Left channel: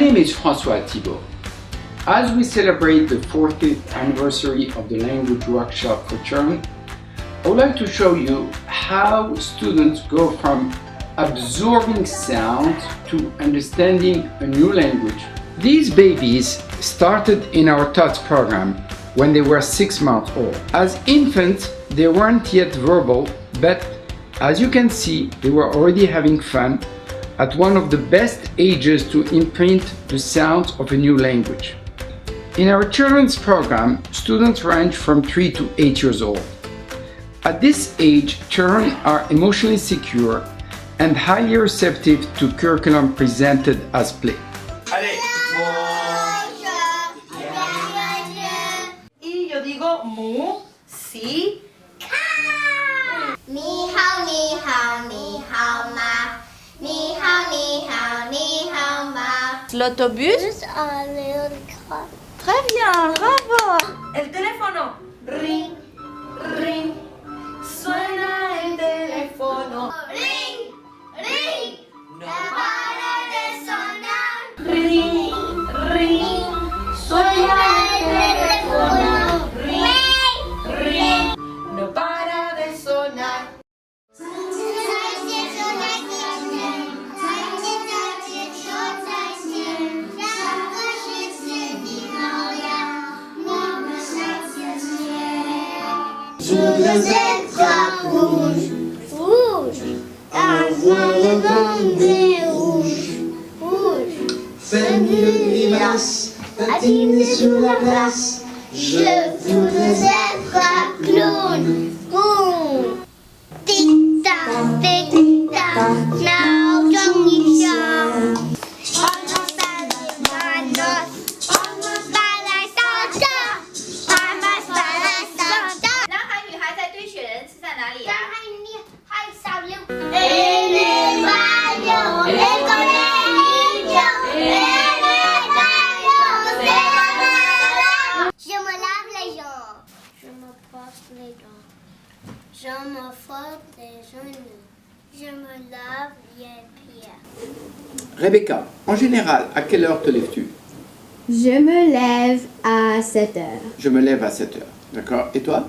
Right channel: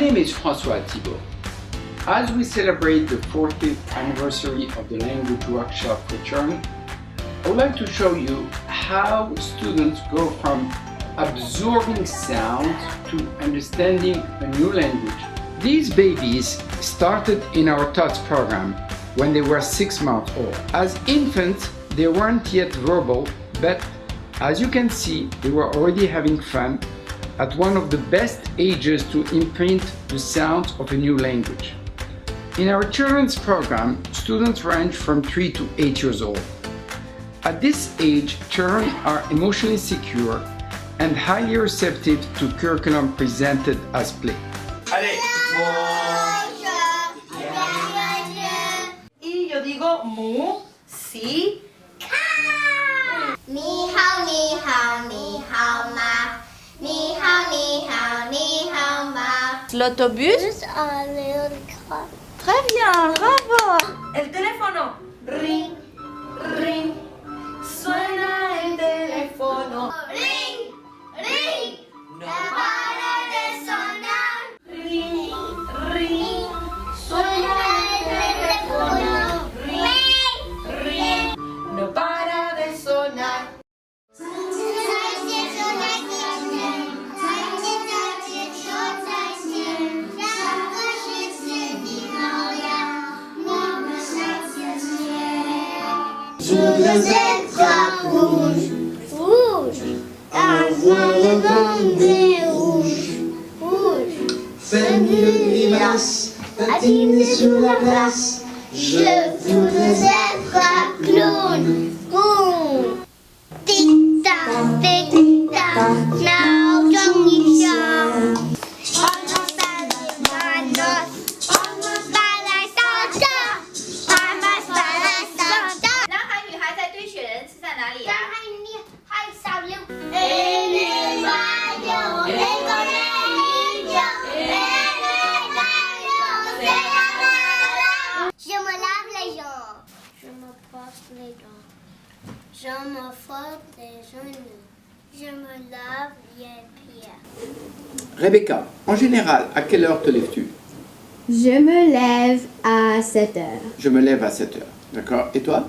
name is François Thibault. As we celebrate the 40th anniversary of the Language Workshop for Turin, I would like to show you how students go from absorbing sound to understanding a new language. These babies started in our TOTS program when they were 6 months old. As infants, they weren't yet verbal, but as you can see, they were already having fun at one of the best ages to imprint the sound of a new language. In our children's program, students range from 3 to 8 years old. At this age, children are emotionally secure and highly receptive to curriculum presented as play. Allez, Y yo digo mu, si, Ni hao ni hao ni hao ma. Ni hao ni hao ni hao ma. L'autobus. Just a little car. Très bien, bravo. El teléfono. Ring, ring. Suena el teléfono. Ring, ring. No para de sonar. Ring, ring. Suena el teléfono. Ring, ring. No para de sonar. Je veux être rouge, rouge, avoir le bandé rouge, rouge. fais-moi une grimace, Patiner sur la glace, je voudrais être un clown, clown. Tic-tac, tic-tac, now don't you shout. Almost by my Santa, almost by my Santa. 男孩女孩在堆雪人是在哪里呀、Je me lave les jambes. Je me brosse les dents. Je me frotte les genoux. Je me lave les pieds. Rebecca, en général, à quelle heure te lèves-tu? Je me lève à 7 heures. Je me lève à 7 heures. D'accord. Et toi?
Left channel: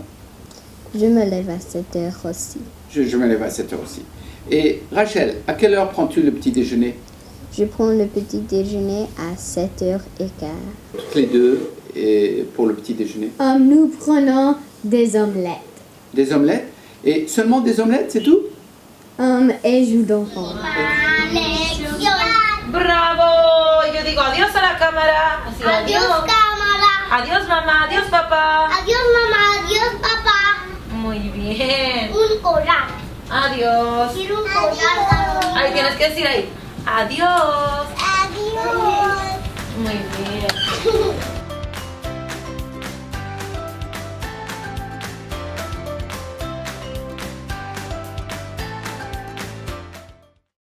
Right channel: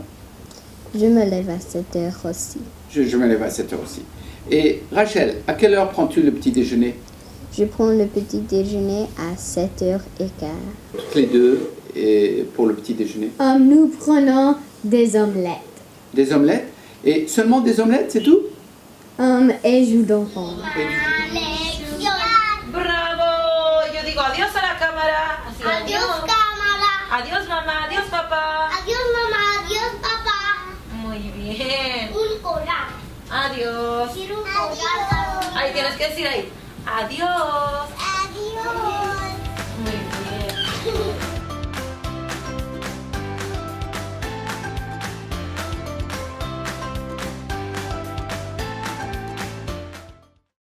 Je me lève à 7 heures aussi. Je me lève à 7 heures aussi. Et Rachel, à quelle heure prends-tu le petit déjeuner? Je prends le petit déjeuner à 7h15. Toutes les deux, et pour le petit déjeuner. Nous prenons des omelettes. Des omelettes? Et seulement des omelettes, c'est tout? Et jus d'enfant. Et du- Bravo. Yo digo adiós a la cámara. Así, Adiós, cámara. Adiós, mamá. Adiós, papá. Adiós, mamá. Adiós, papá. Muy bien. Un coral. Adiós. Quiero un coral. Ahí tienes que decir ahí. Adiós. Adiós.